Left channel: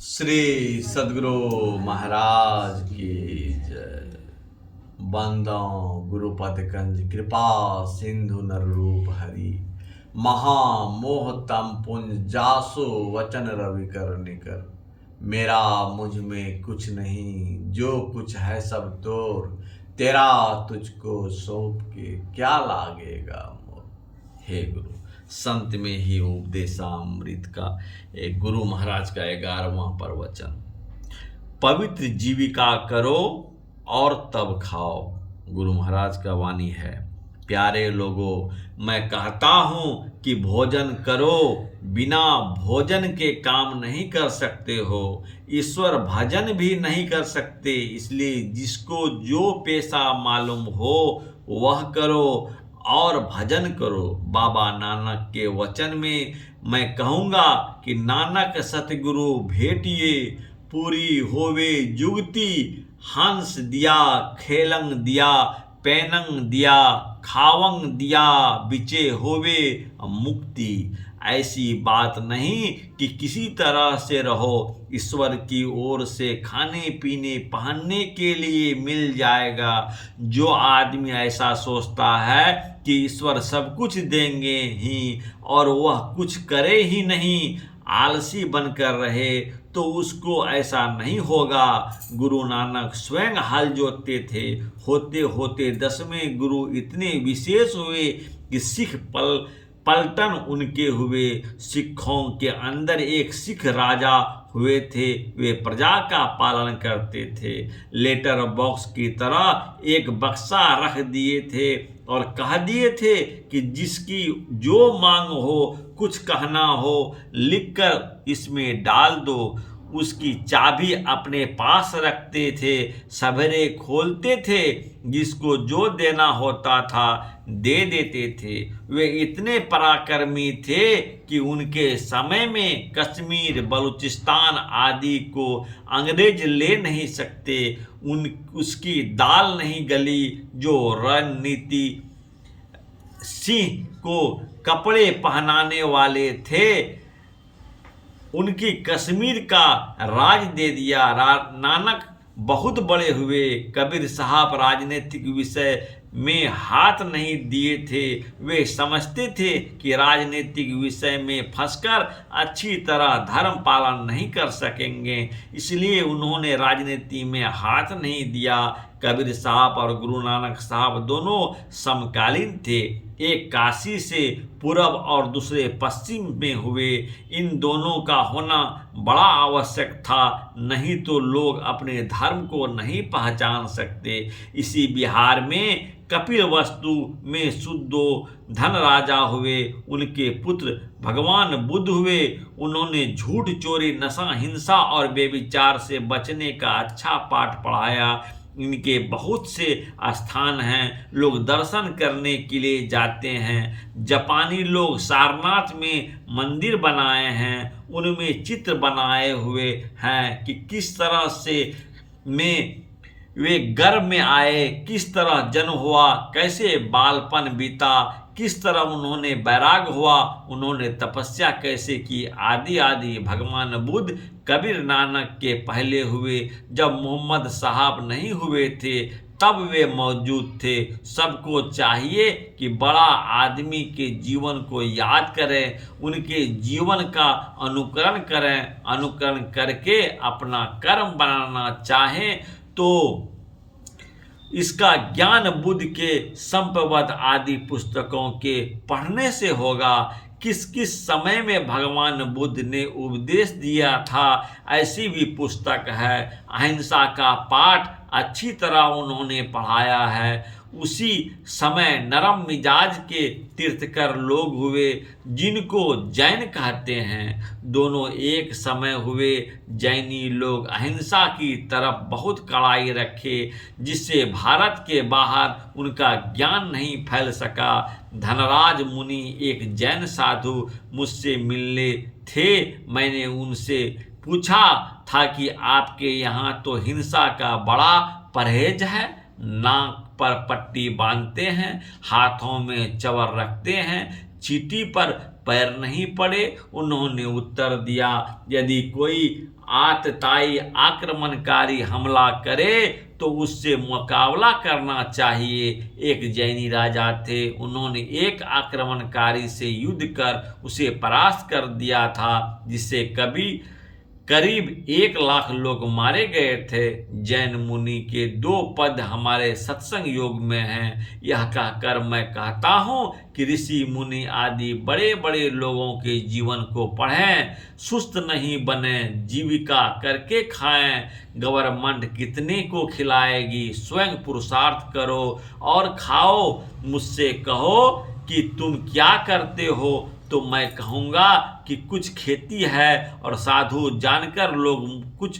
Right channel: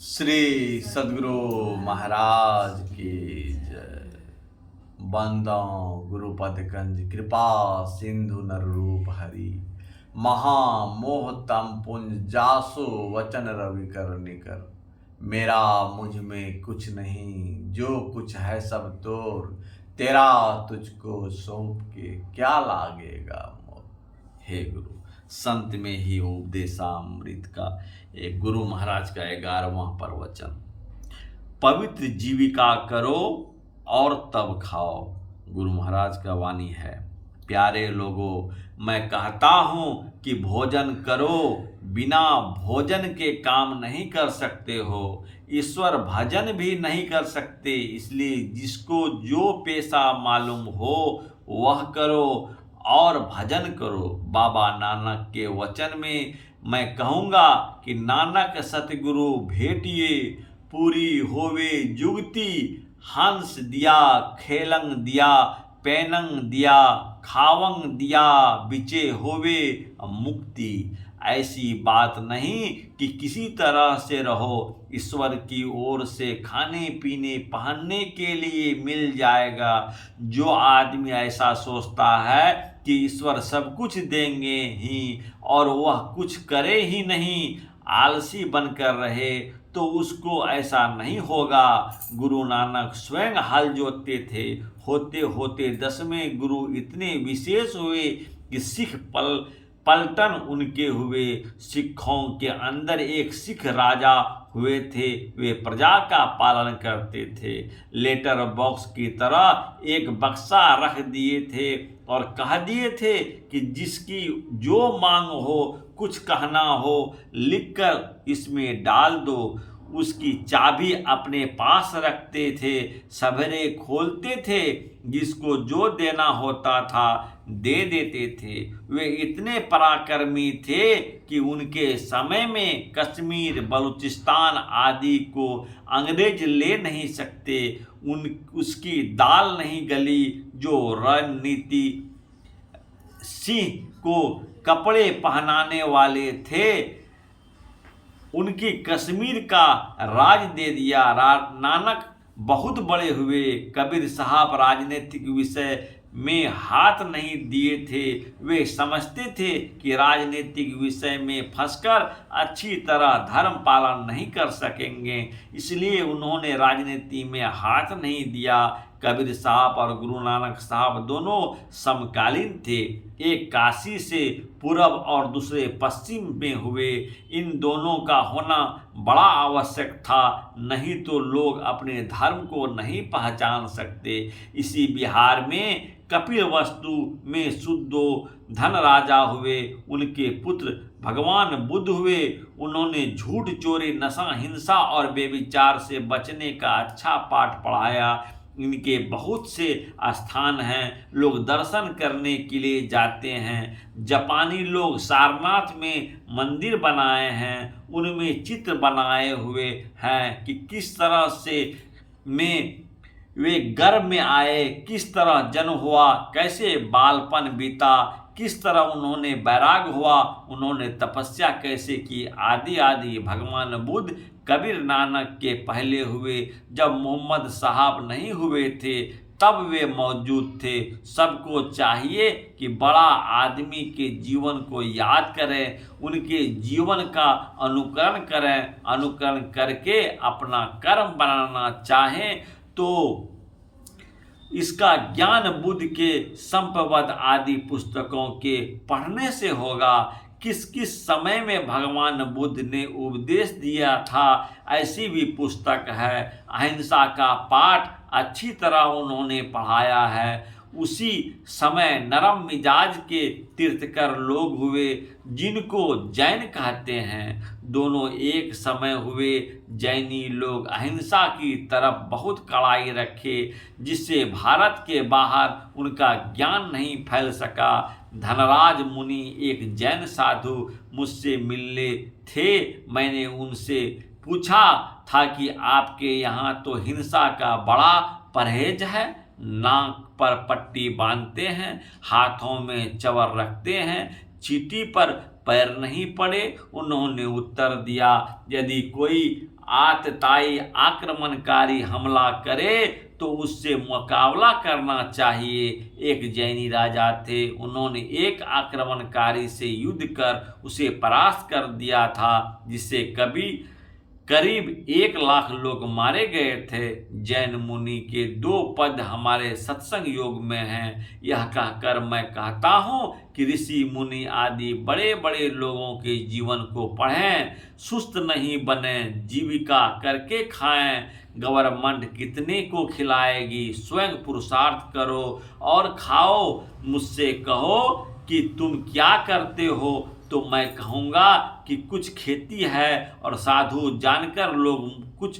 श्री सद्गुरु महाराज की जय। बंदो गुरुपद कंज कृपा सिंधु नर रूप हरि महामोह तम पुंज जासो वचन रवि कर निकर। मेरा मुझ में कुछ नहीं, जो कुछ है सब तोर, तेरा तुझको सौंप के क्या लागेगा मोर। हे गुरु, संत में ही उपदेशामृत का एक गुरु महाराज का 11वां प्रवचन। पवित्र जीविका करो और तब खाओ। गुरु महाराज का वाणी है। प्यारे लोगों, मैं कहता हूँ कि भोजन करो, बिना भोजन के काम नहीं कर सकते हो, ईश्वर भजन भी नहीं कर सकते। इसलिए जिसको जो पेशा मालूम हो वह करो और भजन करो। बाबा नानक के वचन में मैं कहूँगा कि नानक सतगुरु भेटिए, पूरी होवे जुगती। हंस दिया, खेलंग दिया, पैनंग दिया, खावंग दिया, बिचे होवे मुक्ति। ऐसी बात नहीं कि किसी तरह से रहो, ईश्वर की ओर से खाने पीने पहनने के लिए मिल जाएगा। जो आदमी ऐसा सोचता है कि ईश्वर सब कुछ देंगे ही और वह कुछ करे ही नहीं, आलसी बनकर रहे, तो उसको ऐसा नहीं होगा। गुरु नानक स्वयं हल जोतते थे। होते होते 10वें गुरु इतने विशेष हुए कि सिख पलटन उनके हुए। सिखों के अंदर एक सिख राजा हुए थे। वे प्रजा का पालन करते थे। लेटर बॉक्स की तरह एक बक्सा रख दिए थे और कह दिए थे कि जिसकी जो मांग हो, कुछ कहना हो, लिखकर इसमें डाल दो। उसकी चाबी अपने पास रखते थे, सवेरे खोलते थे, जिसको जो देना होता था दे देते थे। वे इतने पराक्रमी थे कि उनके समय में कश्मीर, बलूचिस्तान आदि को अंग्रेज ले नहीं सकते। उसकी दाल नहीं गली। जो रणनीति सिंह को कपड़े पहनाने वाले थे, उनकी कश्मीर का राज दे दिया। नानक बहुत बड़े हुए। कबीर साहब राजनीतिक विषय में हाथ नहीं दिए थे। वे समझते थे कि राजनीतिक विषय में फंसकर अच्छी तरह धर्म पालन नहीं कर सकेंगे, इसलिए उन्होंने राजनीति में हाथ नहीं दिया। कबीर साहब और गुरु नानक साहब दोनों समकालीन थे। एक काशी से पूर्व और दूसरे पश्चिम में हुए। इन दोनों का होना बड़ा आवश्यक था, नहीं तो लोग अपने धर्म को नहीं पहचान सकते। इसी बिहार में कपिल वस्तु में शुद्धो धन राजा हुए। उनके पुत्र भगवान बुद्ध हुए। उन्होंने झूठ, चोरी, नशा, हिंसा और बेविचार से बचने का अच्छा पाठ पढ़ाया। इनके बहुत से स्थान हैं, लोग दर्शन करने के लिए जाते हैं। जापानी लोग सारनाथ में मंदिर बनाए हैं, उनमें चित्र बनाए हुए हैं कि किस तरह से वे गर्भ में आए, किस तरह जन्म हुआ, कैसे बालपन बीता, किस तरह उन्होंने वैराग हुआ, उन्होंने तपस्या कैसे की, आदि आदि। भगवान बुद्ध कबीर नानक के पहले हुए। जब मोहम्मद साहब नहीं हुए थे तब वे मौजूद थे। सबको चाहिए कि बड़ा आदमी के जीवन को याद करें, उनके जीवन का अनुकरण करें, अनुकरण करके अपना कर्म बनाना चाहें तो इसका ज्ञान बुद्ध के संपवद आदि पुस्तकों के पढ़ने से होगा। किस किस समय में भगवान बुद्ध ने उपदेश दिया था, ऐसी भी पुस्तक है। अहिंसा का पाठ अच्छी तरह उन्होंने पढ़ाया है। उसी समय नरम मिजाज के तीर्थकर लोग हुए, जिनको जैन कहते हैं। दोनों एक समय हुए। जैनी लोग अहिंसा की तरफ बहुत कड़ाई रखे, जिससे भारत के बाहर उनका ज्ञान नहीं फैल सका। धनराज मुनि एक जैन साधु मुझसे मिलने थे। मैंने उनसे पूछा था कि आपके यहाँ तो हिंसा का बड़ा परहेज है, नाक पर पट्टी बांधते हैं, हाथों में चवर रखते हैं, चीटी पर पैर नहीं पड़े। उन्होंने उत्तर दिया, यदि कोई आतताई आक्रमणकारी हमला करे तो उससे मुकाबला करना चाहिए। एक जैनी राजा थे, उन्होंने एक आक्रमणकारी से युद्ध कर उसे परास्त कर दिया था, जिससे करीब 1,00,000 लोग मारे गए थे। जैन मुनि के 2 पद हमारे सत्संग योग में हैं। यह कहकर मैं कहता हूँ कि ऋषि मुनि आदि बड़े बड़े लोगों के जीवन को पढ़ें, सुस्त नहीं बने, जीविका करके खाएं। गवर्नमेंट कितने को खिलाएगी, स्वयं पुरुषार्थ करो और खाओ। मुझसे कहो कि तुम क्या करते हो, तो मैं कहूँगा कि कुछ खेती है, और साधु जानकर लोग कुछ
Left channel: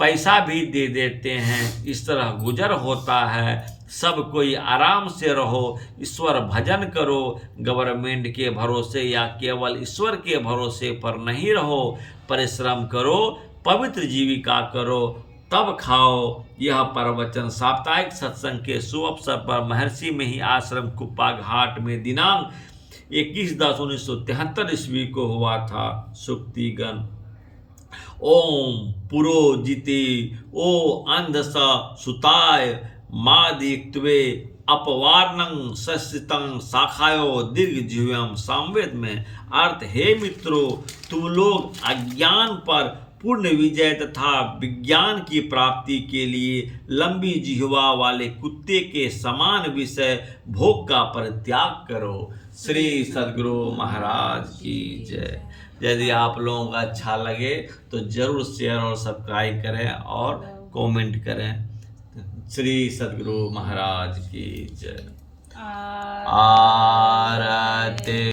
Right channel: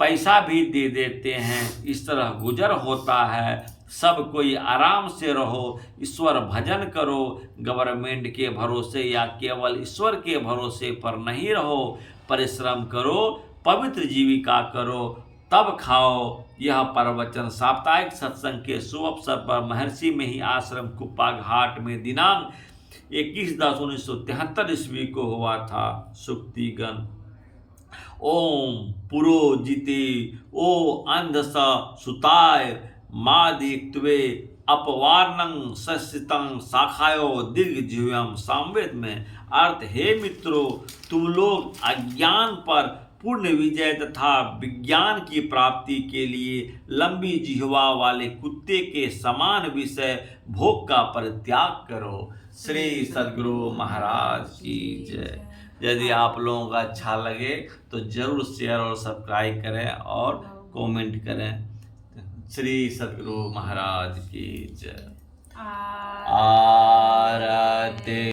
पैसा भी दे देते हैं। इस तरह गुजर होता है। सब कोई आराम से रहो, ईश्वर भजन करो। गवर्नमेंट के भरोसे या केवल ईश्वर के भरोसे पर नहीं रहो। परिश्रम करो, पवित्र जीविका करो, तब खाओ। यह प्रवचन साप्ताहिक सत्संग के शुभ अवसर पर महर्षि में ही आश्रम कुप्पा घाट में दिनांक 21/10/1973 ईस्वी को हुआ था। सुक्तिगण। ओम पुरोजिते ओ अंधस सुताय मादित्वे अपवार्णं सस्यतं शाखायो दीर्घ जीव्यम। सामवेद में अर्थ, हे मित्रों, तुम लोग अज्ञान पर पूर्ण विजय तथा विज्ञान की प्राप्ति के लिए लंबी जिह्वा वाले कुत्ते के समान विषय भोग का परित्याग करो। श्री सद्गुरु महाराज की जय। यदि आप लोगों को अच्छा लगे तो जरूर शेयर और सब्सक्राइब करें और कमेंट करें। श्री सद्गुरु महाराज की जय। आरती।